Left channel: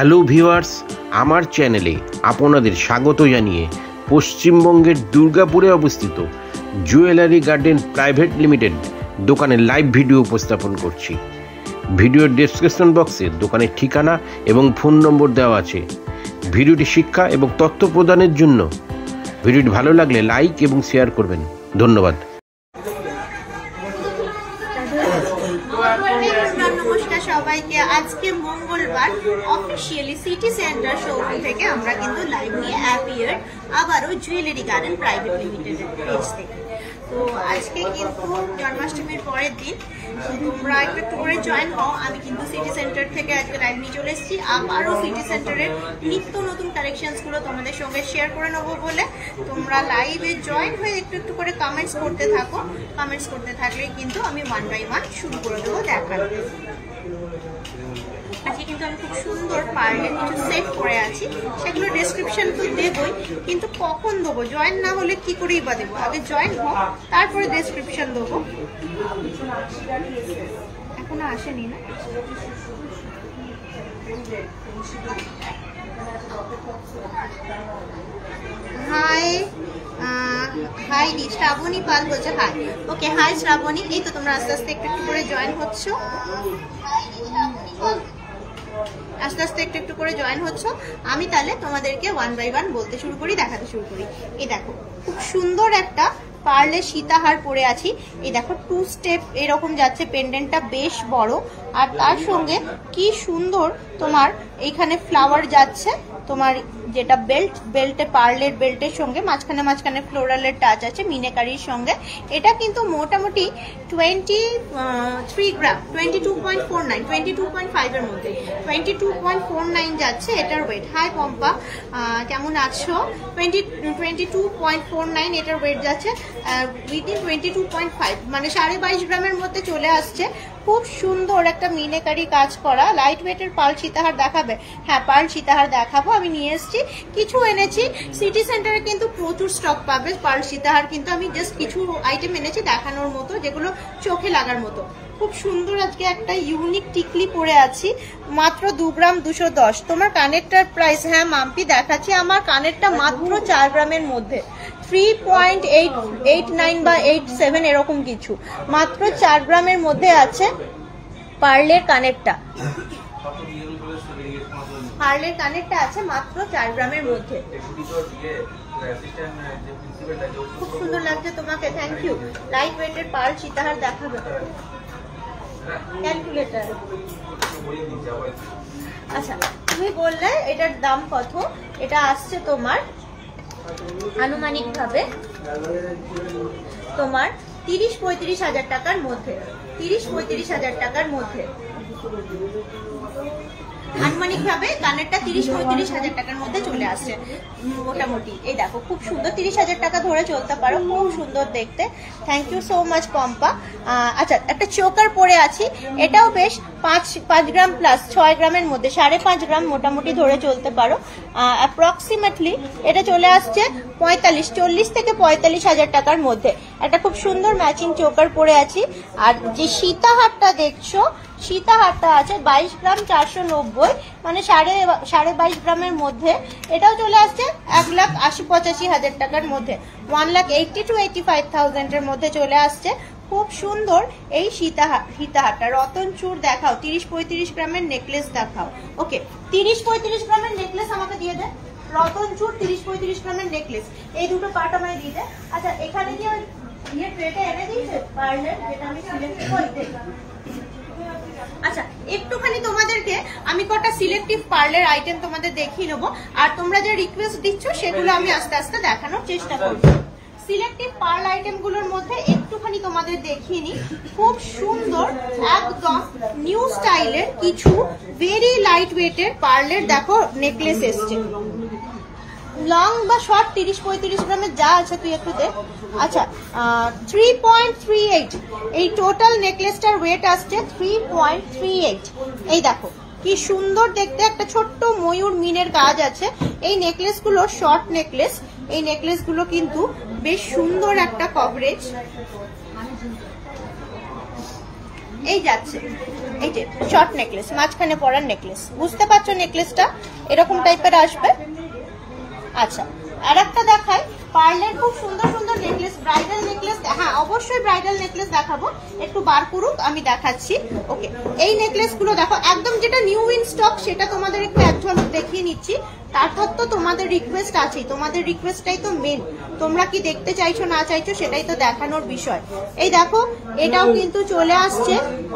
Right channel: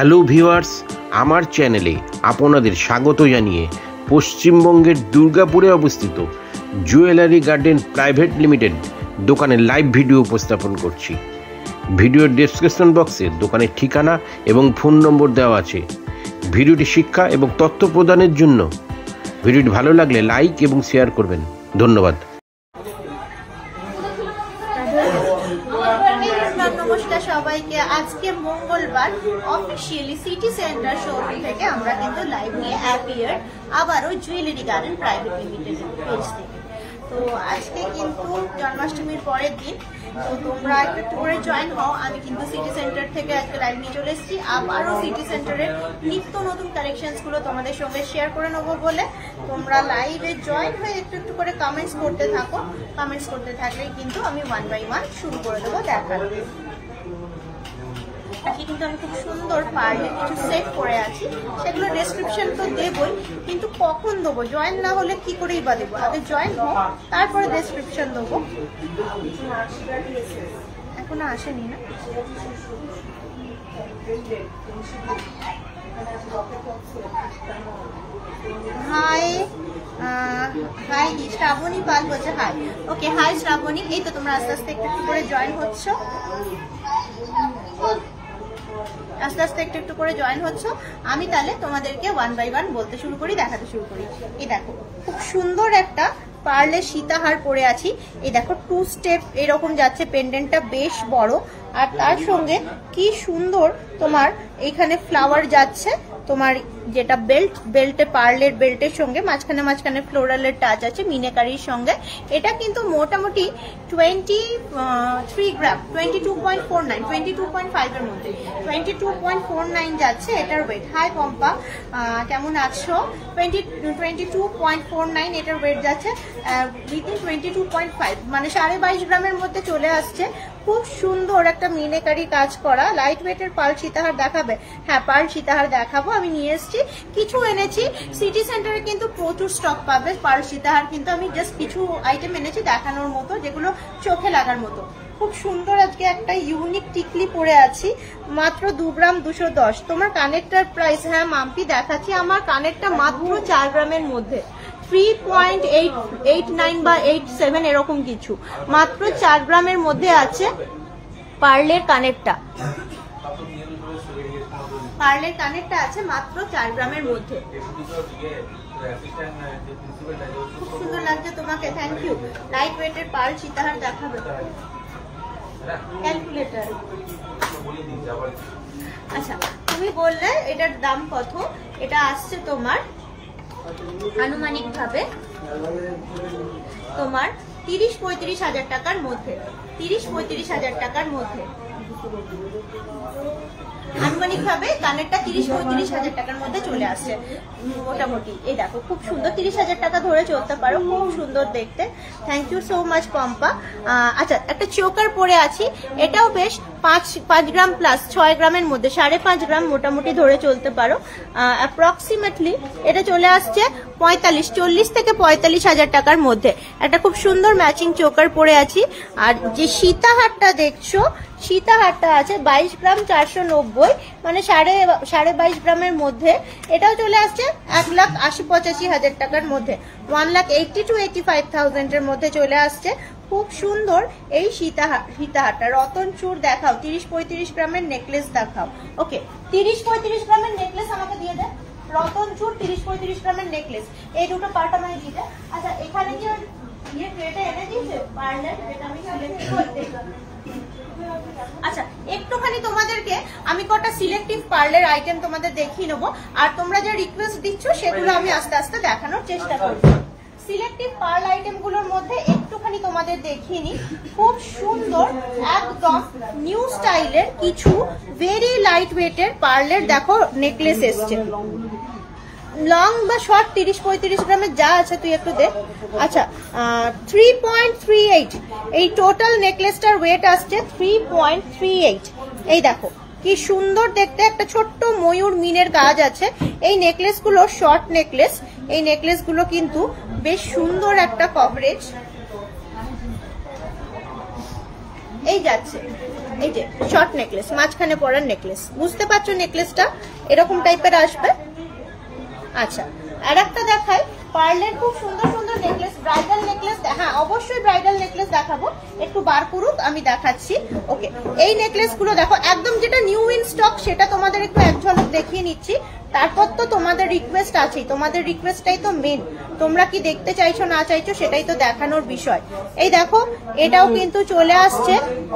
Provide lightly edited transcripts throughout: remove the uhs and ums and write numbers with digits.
Hello viewers, আমার চ্যানেলে আপনাদের স্বাগত জানিয়ে পশ্চিমবঙ্গের দুর্গাপুরে অবস্থিত জুয়েলারি গার্ডেন প্রাইভেট লিমিটেড দোকানের লাইভ ভিডিও উপস্থাপন করছি। ভিডিওর ডেসক্রিপশন বক্সে দোকানের ঠিকানা এবং ফোন নম্বর দেওয়া আছে। ভিডিওটি শিক্ষা এবং তথ্য প্রদানের জন্য। ভিডিওটি ভালো লাগলে লাইক এবং শেয়ার করবেন। ধন্যবাদ। নমস্কার সবাইকে। আজকে মঙ্গলবার অফিসিয়ালি সিটি সেন্টার শোরুম থেকে আমরা কিন্তু লাইভ নিয়ে অ্যাপিয়ার আবারও জুয়েলারি গার্ডেন প্রাইভেট লিমিটেডের পেজ থেকে। তো আজকে কিন্তু জন্মাষ্টমীর পরের দিন, তো তোমরা একটু করে জয়েন হও। আমি কিন্তু সিটি সেন্টার থেকে আজকে লাইভ নিয়ে চলে এসেছি। আবারও সিটি সেন্টারের নিত্য নতুন কালেকশনস গুলো তোমাদের সঙ্গে শেয়ার করে নেবো বলে তোমরা লাইভে জয়েন হয়ে একটু করে কমেন্টস করতে থাকো। কমেন্টস করতে থাকলেই কিন্তু আমি ওয়ান বাই ওয়ান শুরু করে দেবো দেখার। আজকে কিন্তু আমি খুব সুন্দর পার্লের কিছু সেট করে আছি, সেগুলো ডেসক্রিপশন তো দেবই, কিন্তু কখন দেবো? জয়েন না হলে কি করেই বা দেবো? আগে জয়েন হোক, তারপরে ডেসক্রিপশন দেবো। এখনো আসেনি না? হাই হাই শ্রাবণী পাল বলছে হাই। ওকে, হাই শ্রাবণী। এই তো তোমরা আস্তে আস্তে একটু করে জয়েন হচ্ছ, আস্তে আস্তে একটু করে জয়েন হচ্ছ। আমি তাহলে তোমাদেরকে ওয়ান বাই ওয়ান বলতে শুরু করি, দেখাতে শুরু করি। এই দেখো খুব সুন্দর একটা পার্লে সীতাহার পরে আছি। এই দেখো 2 স্টেপ এরকম যাচ্ছে, পেন্ডেন্টটা বেশ বড়, আর তার সঙ্গে কি সুন্দর তোমার এইখানে ফ্লাওয়ার যাচ্ছে। তোমার যেটা বেল্টে পার্লের বেল্টের সঙ্গে মাঝখানে ফ্লোরালের টাচ আছে মিনাকারির সঙ্গে। এটা কিন্তু মোটামুটি 23 গ্রাম, 22.49, 22.5 এর মধ্যে 22.49 যাচ্ছে এটার ওয়েট। হাই পম্পা, কেমন আছো? 22.49 এটার ওয়েট যাচ্ছে, উইদিন 22.5, মানে 22.5 গ্রামের মধ্যে চলে আসছে। খুব সুন্দর একটা মিনাকারি কাজ করা লাইট ওয়েটের পার্ল সীতাহার দেখাবে? হ্যাঁ, পার্ল সীতাহার দেখাবো। আমি নিয়ে এসেছি, কিছু এনেছি। সিটি সেন্টারে কিন্তু প্রচুর স্টক পাবে পার্ল সীতাহার, কিন্তু আমি জাস্ট কিছু আইটেম এনেছি দেখানোর মতো, যেগুলো চোখে লাগার মতো। খুব সুন্দর আজকে একটা ইউনিক টিকলি পরে আছি, মাত্র 2 গ্রাম 210। তোমার কানেরটার প্রাইস? হ্যাঁ মাম্পি দেখাচ্ছি। আমার কানেরটা মাত্র 4 গ্রামের মধ্যে, 3.89 বা 87 এরকম কিছু, মাত্র 4 গ্রামের মধ্যে আছে পার্লের কানেরটা। পার্লের কানেরটা আছে মাত্র 4 গ্রামের মধ্যে। খুব সুন্দর লাগছে তোমাকে, থ্যাংক ইউ। লাইট ওয়েটের পার্ল সীতাহার দেখাবে? ক্যালকুলেটর। আচ্ছা, তুমি বললে এটার দাম কত? এটা আসছে তোমার আনুমানিক ভাবে তোমার 30-35 হাজার টাকার মধ্যে, 30-35 হাজার টাকার মধ্যে আনুমানিক ভাবে কানেরটা 30-35 হাজার টাকার মধ্যে চলে আসছে মোটামুটি। এই দেখো খুব সুন্দর, 30 হাজার টাকা ধরে চলতে পারো, খুব সুন্দর দেখতে। Thank you so much Pompa. আচ্ছা, একটা চোকার পরে আছি, এটাও বেশ 5 গ্রাম প্লাস, 6 গ্রামের মধ্যে, 5.5 গ্রাম মোটামুটি ধরে চলতে পারো। অ্যাপ্রক্সিমেটলি এটা চলে আসছে 40 থেকে 45 হাজার টাকার মধ্যে। একটা খুব সুন্দর ম্যাচিং চোকার পরে আছি। আর যে সীতাহারটা দেখছো, সীতাহারটা আছে 22 গ্রাম 490, মানে 22.5 গ্রামের মধ্যে। এটাও চলে আসছে 1,80-85 হাজার টাকার মধ্যে, 1,80,000 to 85,000 এর মধ্যে চলে আসছে। খুব সুন্দর এই সীতাহারটা। রতন চূড় দেখাও, 30-35 গ্রামের নেকলেস দেখাও। ওকে, 30-35 গ্রামের নেকলেস আমাকে দিয়ে দে। রতন চূড় 30-35 গ্রামের নেকলেস, এই দুটো পার্ট আমাকে দিয়ে দে। আচ্ছা, এখানে কি ট্রেটা এনে দিয়েছে পার্লার, যেটা আমি সিলেক্ট করতে? আচ্ছা, একটুখানি তোমাদেরকে আমি কটা সিলেক্টিভ পার্লের আইটেম তোমাদের দেখিয়ে নেবো, আর তোমরা যে রিকোয়েস্ট দিচ্ছ সেগুলো আমি আস্তে আস্তে দেখানোর চেষ্টা করব। সিলেক্টিভ পার্ল আইটেম গুলোর মধ্যে একটুখানি তোমাদের দেখিয়ে নি। খুব সুন্দর একদম নিউ স্টাইলের কিছু ভেরি লাইট ওয়েটের পার্লের দেখো নেকলেস এসছে। লং বা শর্ট 30-35 গ্রামের যা আছে তুই একটু দেখ। আচ্ছা, 3.38 এই টোটাল নেকলেসটার ওয়েট আসছে 3.38। এই দেখো কি সুন্দর দেখতে, একটা ছোট্ট ময়ূর মিনের কাজ আছে। এই নেকলেস গুলো শর্ট নেকলেস, এই নেকলেস গুলো কিন্তু বেশ সুন্দর একটা কভারেজ এই যাচ্ছে। এই যে শর্ট নেকলেস, মাঝখানে পরার নেকলেস, বুঝতে পারছো নেকলেসটা এরকম টাইপের আসবে। আচ্ছা, আর একটা দেখাই পার্লের খুব সুন্দর সুন্দর নেকলেস, ব্রাইডাল নেকলেস। হ্যাঁ অবশ্যই ব্রাইডাল নেকলেস দেখাবো, একটু বার করুক আমি দেখাচ্ছি। ওকে, এই নেকলেস গুলো দেখো একদম যেটা নিউ ইন স্টক সেটা তোমাদের একটু এক ঝলক দেখিয়ে নিচ্ছি। তারপর তো তোমাদের রিকোয়েস্ট আছেই, তোমাদের রিকোয়েস্টটাই তো মেন, তোমরা কি দেখতে চাইছো না চাইছো সেটাই তো দেখানোর বিষয়। এই দেখো এটাও কিন্তু চলে আসছে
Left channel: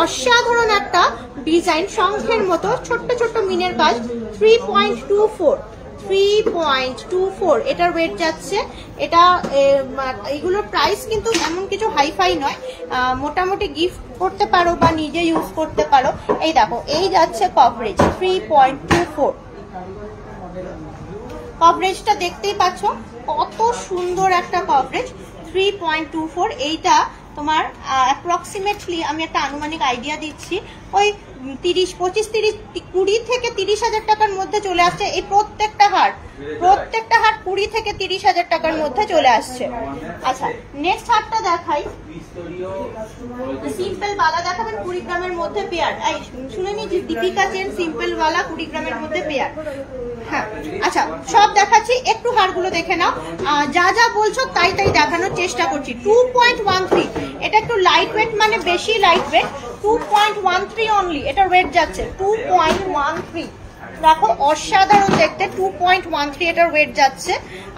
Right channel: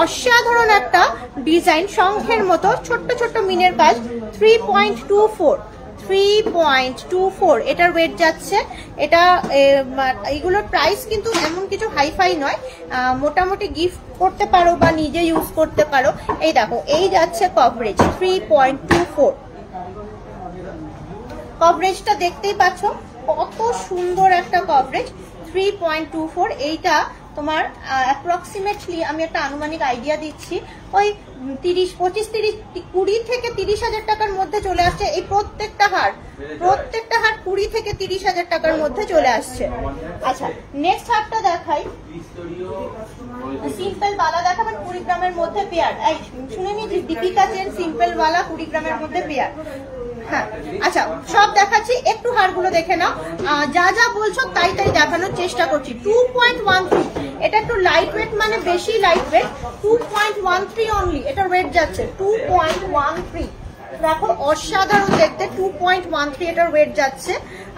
অসাধারণ একটা ডিজাইন, শঙ্খের মতো ছোট্ট ছোট্ট মিনের কাজ, 3.24 এটার ওয়েট যাচ্ছে। এটা এইগুলোর প্রাইস কিন্তু এমন কিছু হাইফাই নয়, মোটামুটি গিফট করতে পারো বা নিজে ইউজ করতে পারো। এই দেখো এই যাচ্ছে কভারেজ 3.24, কভারেজটা দেখতেই পাচ্ছ কত সুন্দর একটা কভারেজ 3.24। এইটা তোমার অ্যাপ্রক্সিমেটলি আমি একটা আনুমানিক আইডিয়া দিচ্ছি, ওই 20 থেকে 30,000 টাকার মধ্যে চলে আসছে। এই প্রত্যেকটা হার 20 থেকে 30,000 টাকার মধ্যে চলে আসছে। আচ্ছা নেক্সট হারটা দেখাই, সিম্পল বালা দেখাবেন 20 গ্রামের মধ্যে পেয়ার। শুনে নি দীপিকা চেন সিম্পল বালা 20 গ্রামের মধ্যে পেয়ার। হ্যাঁ আচ্ছা সব দেখাচ্ছি, একটু হারগুলো দেখে নাও, যা যা বলছো তাই তাই দেখানোর চেষ্টা করছি। 2.13, এটা একটু লাইট ওয়েট, মানে বেশি লাইট ওয়েট, 2.13 অনলি এটার ওয়েট যাচ্ছে, 2.13। দেখো অসাধারণ দেখতে, 2.13 এটার ওয়েট যাচ্ছে।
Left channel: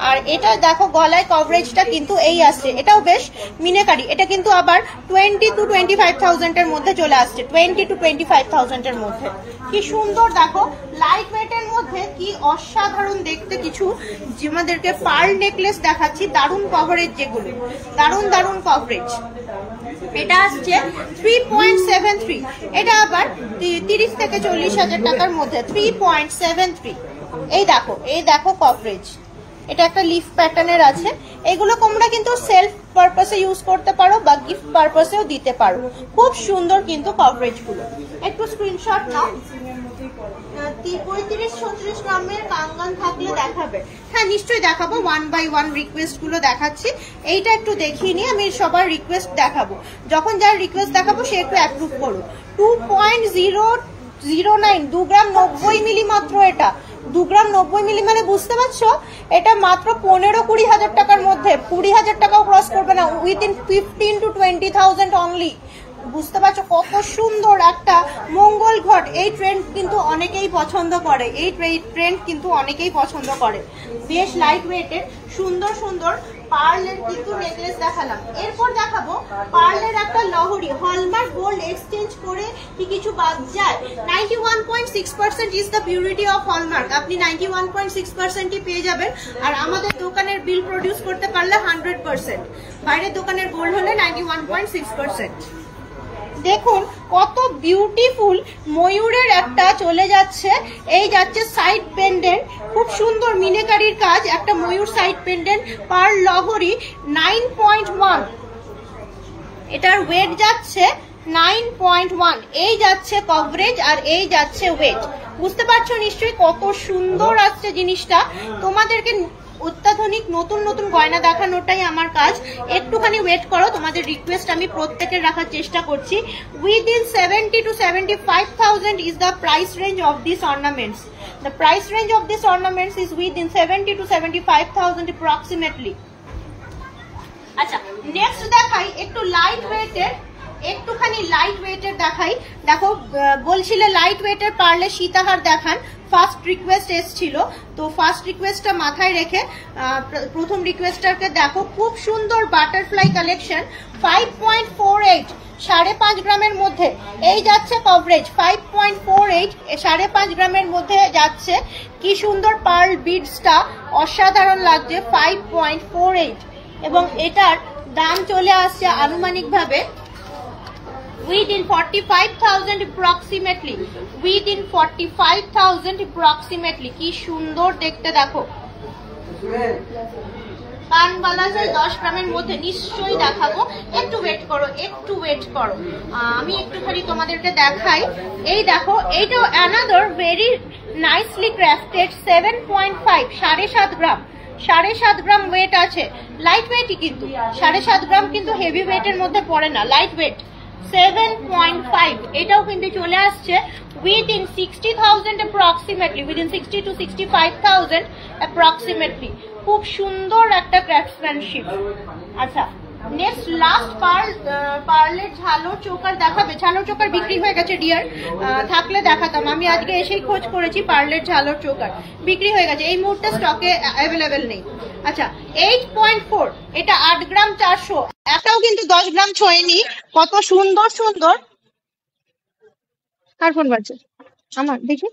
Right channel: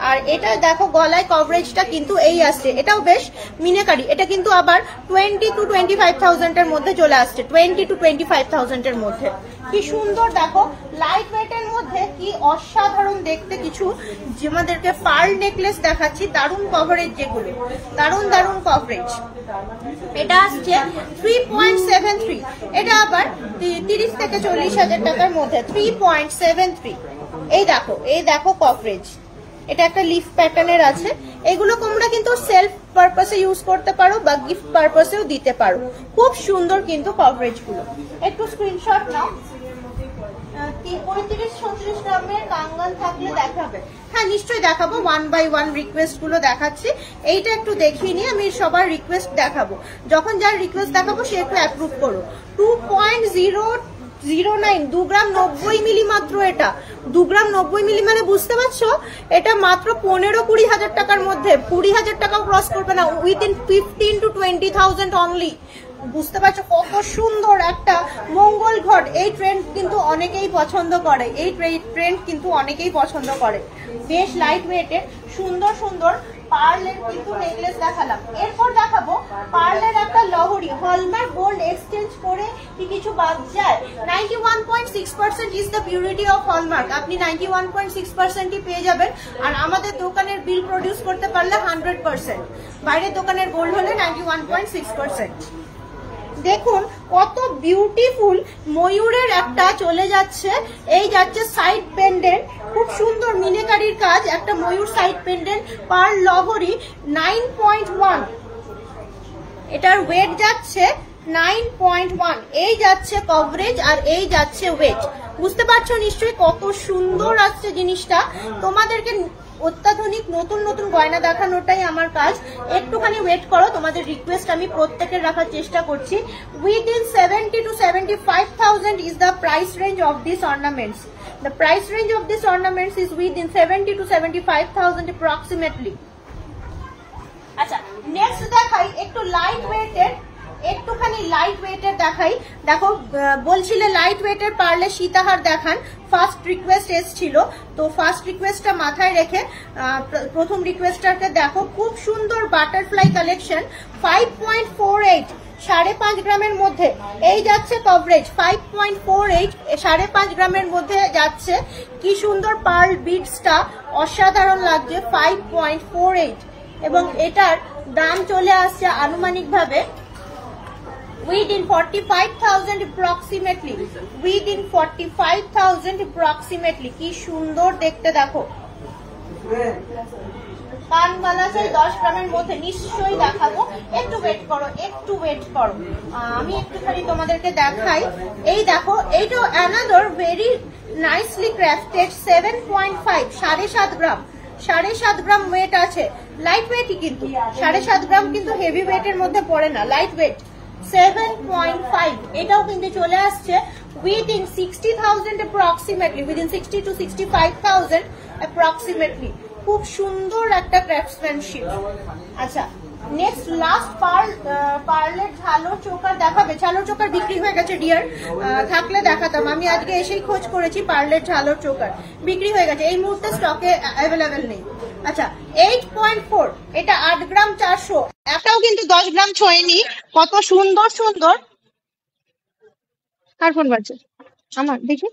আর এটা দেখো গলায় কভারেজটা কিন্তু এই আসছে, এটাও বেশ মিনাকারি, এটা কিন্তু আবার 20 to 25,000 এর মধ্যে চলে আসছে, 20 to 25,000 এর মধ্যে। কি সুন্দর দেখো লাইট ওয়েটের মধ্যে কি অসাধারণ দেখতে কিছু আমাদেরকে পার্ল নেকলেস দেখাচ্ছি, দারুণ কভারেজ, যেগুলো দারুণ দারুণ কভারেজ। এটা আসছে 3.73, এটা আবার 30 থেকে 40,000 টাকার মধ্যে 3.73। এই দেখো কভারেজ, এটা একটা লিফ প্যাটার্নের আছে। এগুলো তোমরা কিন্তু সেলফ পারপাসে ইউজ করতে পারো বা গিফট পারপাসেও দিতে পারো, খুব সুন্দর কিন্তু কভারেজ গুলো। একটু স্ক্রিনশট নাও, 35-36 গ্রামের কাঙ্গান থাকলে দেখাবে। হ্যাঁ নিশ্চয়ই দেখাবো, 1 by 1 রিকোয়েস্ট গুলো দেখাচ্ছি। এইটা একটু দেখিয়ে নিই, আমি সবার রিকোয়েস্ট দেখাবো, যখন যার রিকোয়েস্ট দেখাবো সে একটু অ্যাপ্রুভ করো। 2.009, 2 গ্রাম 90 মিলি মাত্র, এটা 2 গ্রাম 90 মিলি, মানে বুঝতে পারছো এটা মাত্র 15-20 হাজার টাকার মধ্যে, 20,000 টাকাও ক্রস করবে না, উইদিন 15 to 20,000 অনলি। বুঝতে পারছো কত সুন্দর একটা মঙ্গল ঘট। এই ট্রেন্ড কিন্তু অনেকেই পছন্দ করে, এই ট্রেন্ড কিন্তু অনেকেই পছন্দ করে। বেশ লাইট ওয়েটের সুন্দর সুন্দর পার্লের কিন্তু নেকলেস দেখালাম। এরপর দেখাবো পার্লের একটা লহরি, হলমার্ক গোল্ড এক্সচেঞ্জ করে কি কিছু বাদ যায়? 91.6% is the purity of hallmark. আপনি 91.6%ই পেয়ে যাবেন। আর আমাদের দোকানের বিল প্রডিউস করতে পারলে 100%, বাইরের দোকানের গোল্ড হলে 91.6%। দেখুন কত বিউটিফুল ময়ূরের একটা চলে যাচ্ছে, এই যাচ্ছে সাইড পেন্ডেন্ট, খুব সুন্দর মিনেকারির কাজ, একটা ময়ূর সাইড পেন্ডেন্ট, পার লহরি 9.1, এটার ওয়েট যাচ্ছে 9.1। এই যাচ্ছে কভারেজ আর এই যাচ্ছে ওয়েট। বুঝতে পারছো নিশ্চয়ই কত সুন্দর আসছে জিনিসটা। তোমাদেরকে অত্যাধুনিক নতুন নতুন গয়না দেখানোটাই আমার কাজ, একটুখানি ওয়েট করো, তোমাদের রিকোয়েস্ট আমি প্রত্যেকের রাখার চেষ্টা করছি। Within 70 to 75,000 is the price range of these ornaments. The price range of these ornaments is within 70 to 75,000 approximately. আচ্ছা নেক্সট দেখাই একটু লাইট ওয়েটের, একটুখানি লাইট ওয়েটের দেখাই। দেখো বলছিলে লাইট ওয়েটের পারলে সীতাহার দেখান, ফার্স্ট রিকোয়েস্ট এসছিল, তো ফার্স্ট রিকোয়েস্টটা মাথায় রেখে প্রথম রিকোয়েস্টারকে দেখো, খুব সুন্দর বাটারফ্লাই কালেকশন, 5.48, 5.5 গ্রামের মধ্যে এই যাচ্ছে কভারেজ, 5.48, 5.5 গ্রামের মধ্যে যাচ্ছে। কি সুন্দর পার্ল বিডসটা অসাধারণ লাগছে, 5.48, এবং এটার দাম চলে আসছে আনুমানিক ভাবে within 45,000 approximately, within 45,000 approximately। কি সুন্দর দেখতে দেখো, কানবালা চাই 10 গ্রামের মধ্যে, নিশ্চয়ই দেখাবো, একটু ওয়েট করো, একটু ওয়েট করো, আমি একটুখানি তোমাদেরকে দেখাই। এই দেখো এইটা অ্যানাদার ভেরি নাইসলি ক্রাফটেড 7.5, 7.5 গ্রাম, 7.5 গ্রাম ওয়েট আছে, লাইট ওয়েটই কিন্তু 7.5 গ্রাম কিন্তু হেভি ওয়েটের মধ্যে পড়ে না, লাইট ওয়েট। 7.5 এটাও কিন্তু চলে আসছে within 60,000 approximately, within 60 to 65,000 approximately. খুব সুন্দর একটা ক্রাফটসম্যানশিপ। আচ্ছা নেক্সট লাস্ট পার্লের ঝালোর চোকার দেখাবে। ঝালোর চোকার বিক্রি হয়ে গেছে ডিয়ার, থাকলে দেখাতাম। আমি আজকে এসেই খোঁজ করেছি, পার্লের ঝালোর চোকার বিক্রি হয়ে গেছে, এই মুহূর্তে স্টকে অ্যাভেলেবেল নেই। আচ্ছা 8.4 এটা 8 গ্রাম 400, একটাও কিন্তু 10 গ্রাম ছোঁয়নি। কত সুন্দর সুন্দর। কার ফোন বাজছে? আমার, দেখি।